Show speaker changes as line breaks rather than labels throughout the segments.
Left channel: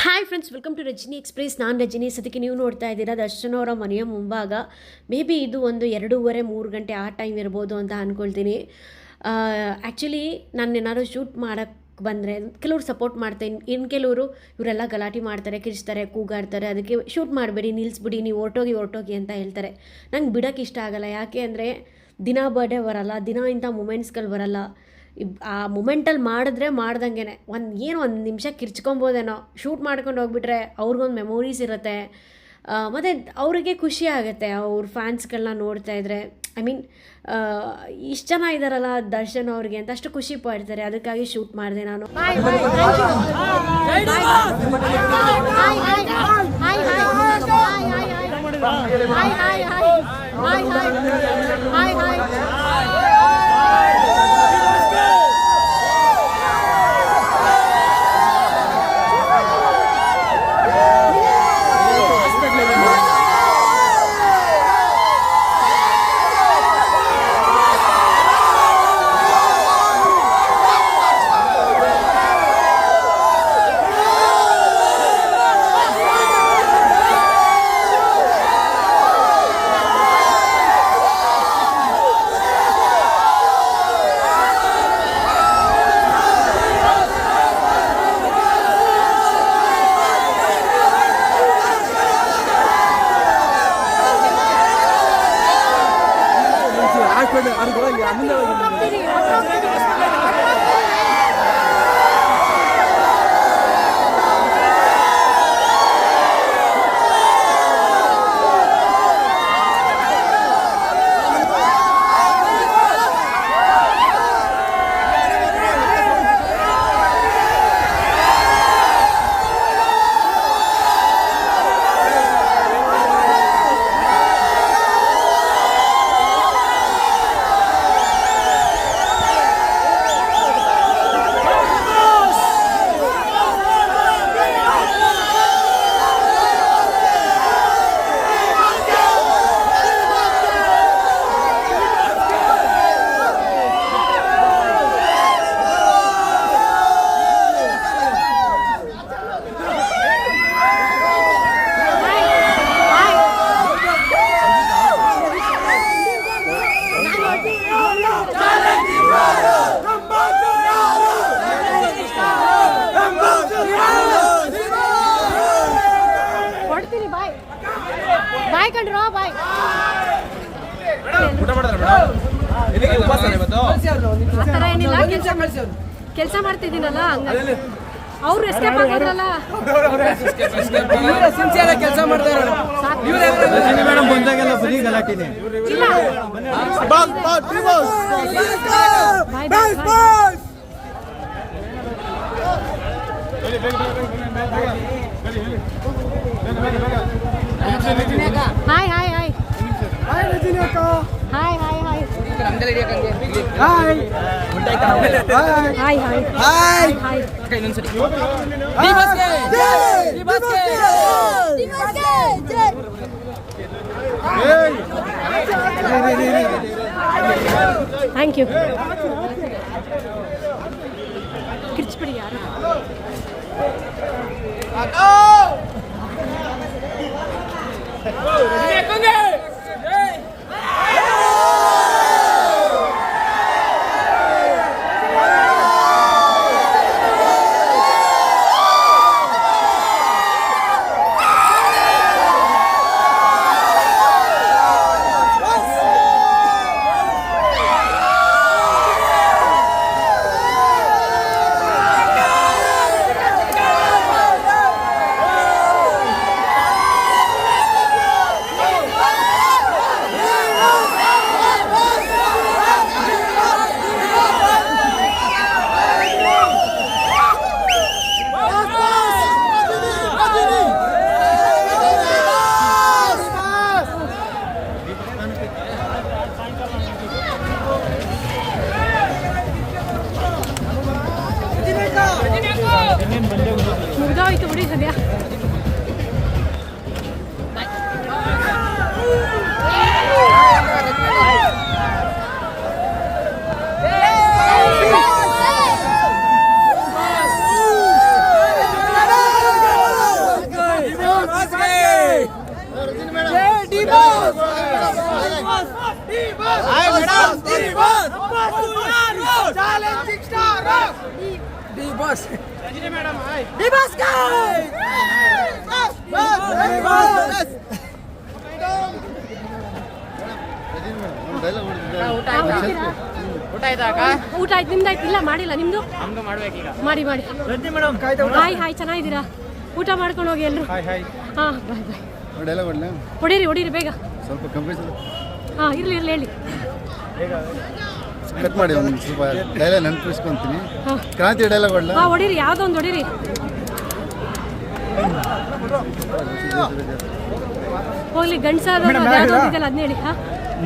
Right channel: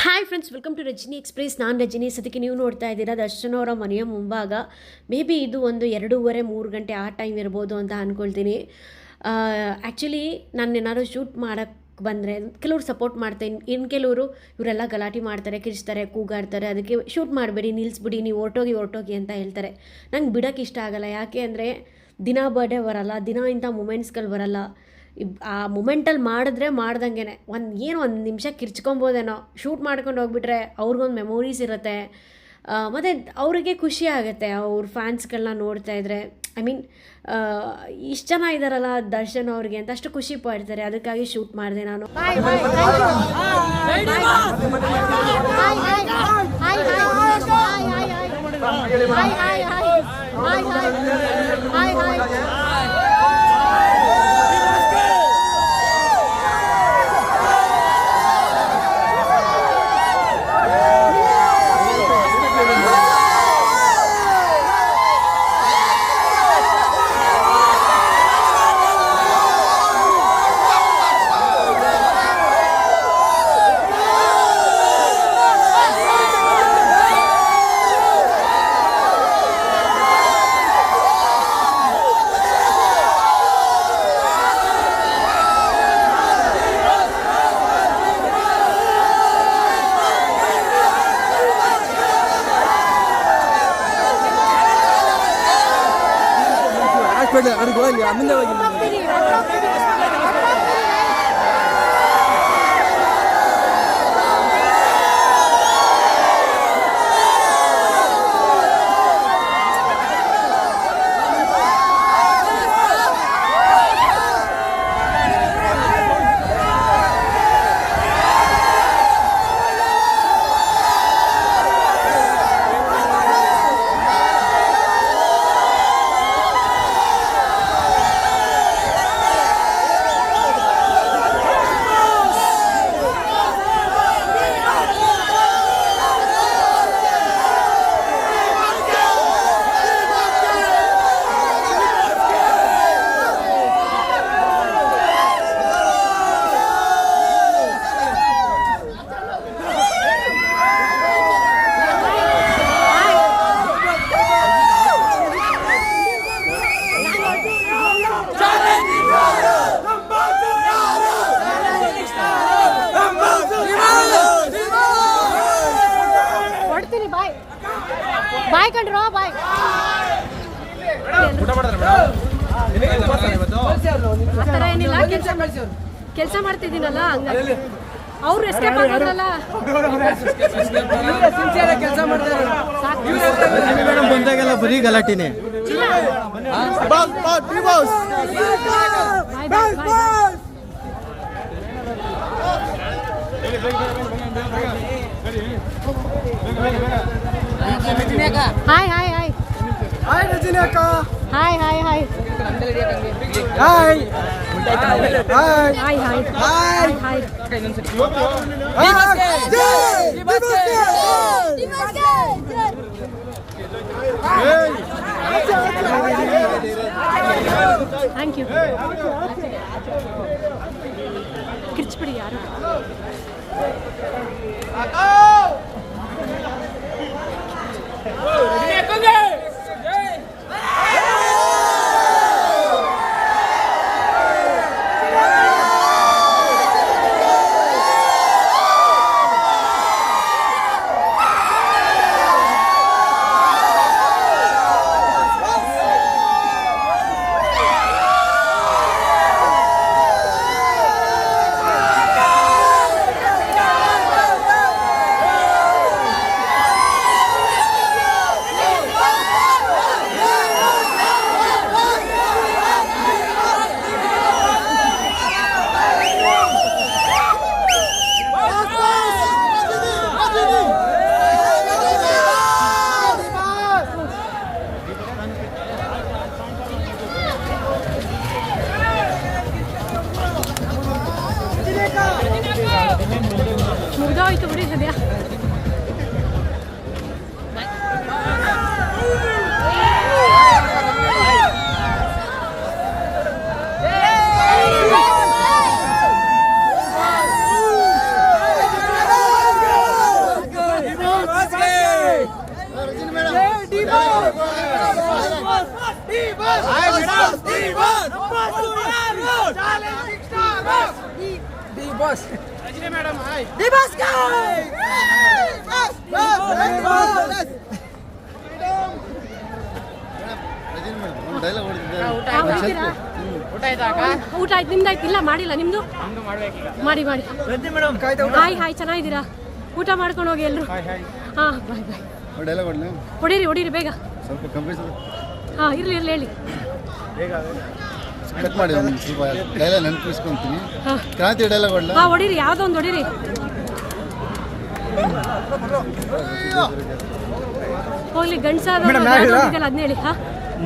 Hi friends welcome to Rajani express ನಾನು ರಜನಿ. ಸದ್ಯಕ್ಕೆ ನೀವು ನೋಡ್ತಾ ಇದ್ದೀರಾ ದರ್ಶನ್ ಅವರ ಮನೆಯ ಮುಂಭಾಗ. ಮೇ ಬಿ ಇದು ಒಂದು ಎರಡೂವರೆ, ಮೂರು ಗಂಟೆ ಆ ಟೈಮ್ ಇರ್ಬೋದು ಅಂತ ಅಂದ್ಕೊಳ್ತೀನಿ ಆ್ಯಕ್ಚುಲಿ ನಾನು ಏನಾದ್ರು ಶೂಟ್ ಮಾಡೋಕ್ಕೆ ಬಂದರೆ ಕೆಲವರು ಸಪೋರ್ಟ್ ಮಾಡ್ತಾರೆ ಇನ್ನು ಕೆಲವರು ಇವರೆಲ್ಲ ಗಲಾಟೆ ಮಾಡ್ತಾರೆ ಕಿರಿಸ್ತಾರೆ ಕೂಗಾಡ್ತಾರೆ. ಅದಕ್ಕೆ ಶೂಟ್ ಮಾಡಬೇಡಿ ನಿಲ್ಲಿಸ್ಬಿಡಿ ನೀವು ಹೊರ್ಟೋಗಿ, ಹೊರಟೋಗಿ ಅಂತ ಹೇಳ್ತಾರೆ. ನಂಗೆ ಬಿಡೋಕ್ಕೆ ಇಷ್ಟ ಆಗಲ್ಲ. ಯಾಕೆ ಅಂದರೆ ದಿನ ಬರ್ಡೇ ಬರಲ್ಲ, ದಿನ ಇಂಥ ಮೂಮೆಂಟ್ಸ್ಗಳು ಬರಲ್ಲ. ಆ ಮೂಮೆಂಟಲ್ಲಿ ಮಾಡಿದ್ರೆ ಮಾಡ್ದಂಗೆ ಒಂದು ಏನು ಒಂದು ನಿಮಿಷ ಕಿರ್ಚ್ಕೊಬೋದೇನೋ. ಶೂಟ್ ಮಾಡ್ಕೊಂಡು ಹೋಗ್ಬಿಟ್ರೆ ಅವ್ರಿಗೊಂದು ಮೆಮೊರೀಸ್ ಇರುತ್ತೆ. ಮತ್ತು ಅವರಿಗೆ ಖುಷಿ ಆಗುತ್ತೆ ಅವ್ರ ಫ್ಯಾನ್ಸ್ಗಳನ್ನ ನೋಡ್ತಾ ಇದ್ರೆ. ಐ ಮೀನ್ ಇಷ್ಟು ಜನ ಇದ್ದಾರಲ್ಲ ದರ್ಶನ್ ಅವ್ರಿಗೆ ಅಂತ ಅಷ್ಟು ಖುಷಿ ಪಡ್ತಾರೆ. ಅದಕ್ಕಾಗಿ ಶೂಟ್ ಮಾಡಿದೆ ನಾನು.
Hi hi hi hi hi hi hi hi hi hi Hi, 그냥 아니 그냥 안
문제가 있는
거야. Bye. Bye ಕಂಡ್ರೋ bye. ಆ ಥರ ಏನಿಲ್ಲ ಕೆಲಸ ಕೆಲಸ ಮಾಡ್ತಿದ್ದೀನಲ್ಲ ಹಂಗಾಗಿ. ಅವ್ರು ಎಸ್ಕೇಪ್ ಆಗೋದ್ರಲ್ಲ.
ಕೆಲಸ ಮಾಡ್ತಾರೆ ಮೇಡಮ್ ಬಂದಾಗೆಲ್ಲ ಬರೀ ಗಲಾಟಿನೇ.
ಇಲ್ಲ bye bye bye hi hi hi
hi Rajani ಅಕ್ಕ
hi hi hi
hi hi
hi hi
hi
hi thank you ಕಿರ್ಚ್ಬಿಡಿ ಯಾರು Go! Go! Go! मुरझाई तो बड़ी सदिया Challenge ಸದ್ಯ
ಬಾಸ್
ಊಟ ಆಯ್ತು ನಿಮ್ದಾಯ್ತು ಇಲ್ಲ ಮಾಡಿಲ್ಲ ನಿಮ್ದು ಮಾಡಿ ಮಾಡಿ ಹಾಯ್ ಹಾಯ್ ಚೆನ್ನಾಗಿದ್ದೀರಾ ಊಟ ಮಾಡ್ಕೊಂಡು ಹೋಗಿ ಎಲ್ರು ಹಾ ಬಾಯ್ ಬಾಯ್
ಡೈಲಾಗ್
ಹೊಡಿರಿ ಹೊಡೀರಿ ಬೇಗ
ಸ್ವಲ್ಪ
ಹಾ ಇರ್ಲಿ ಇರ್ಲಿ ಹೇಳಿ
ಕಟ್ ಮಾಡಿ ಒಂದು ಸ್ವಲ್ಪ ಡೈಲಾಗ್ ನೆನಪಿಸ್ಕೊಂತೀನಿ. ಕ್ರಾಂತಿ ಡೈಲಾಗ್ ಹೊಡ್ಲ
ಹಾ ಹೊಡೀರಿ ಯಾವ್ದೋ ಒಂದು ಹೊಡೀರಿ. ಹೋಗ್ಲಿ ಗಂಡ್ಸಾದವ್ರು ಯಾವ್ದೋ ಅದನ್ನ ಹೇಳಿ ಹಾ.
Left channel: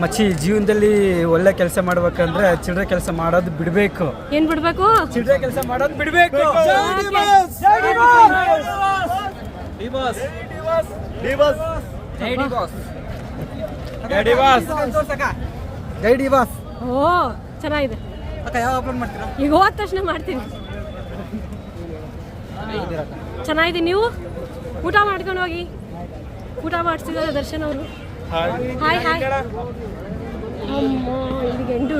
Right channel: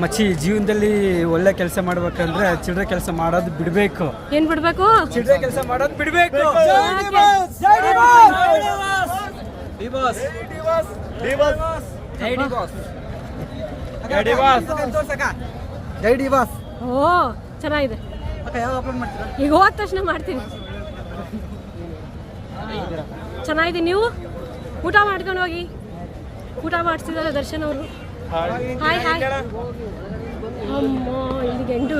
ಮಚ್ಚಿ ಜೀವನದಲ್ಲಿ ಒಳ್ಳೆ ಕೆಲಸ ಮಾಡ್ಬೇಕಂದ್ರೆ ಚಿಲ್ಲರೆ ಕೆಲಸ ಮಾಡೋದು ಬಿಡ್ಬೇಕು.
ಏನ್ ಬಿಡ್ಬೇಕು?
ಚಿಲ್ಲರೆ ಕೆಲಸ ಮಾಡೋದು ಬಿಡ್ಬೇಕು.
ಓಕೆ.
ಗೈಡಿ ಬಾಸ್
ಓ. ಚೆನ್ನಾಗಿದೆ. ಈಗ ಹೋದ ತಕ್ಷಣ ಮಾಡ್ತೀನಿ. ಚೆನ್ನಾಗಿದೆ ನೀವು? ಊಟ ಮಾಡ್ಕೊಂಡು ಹೋಗಿ. ಊಟ ಮಾಡಿಸಿದ್ದಾರೆ ದರ್ಶನ್ ಅವರು. ಹಾಯ್ ಹಾಯ್ ಅಮ್ಮ ಇಲ್ಲಿಗೆ ಎಂಟು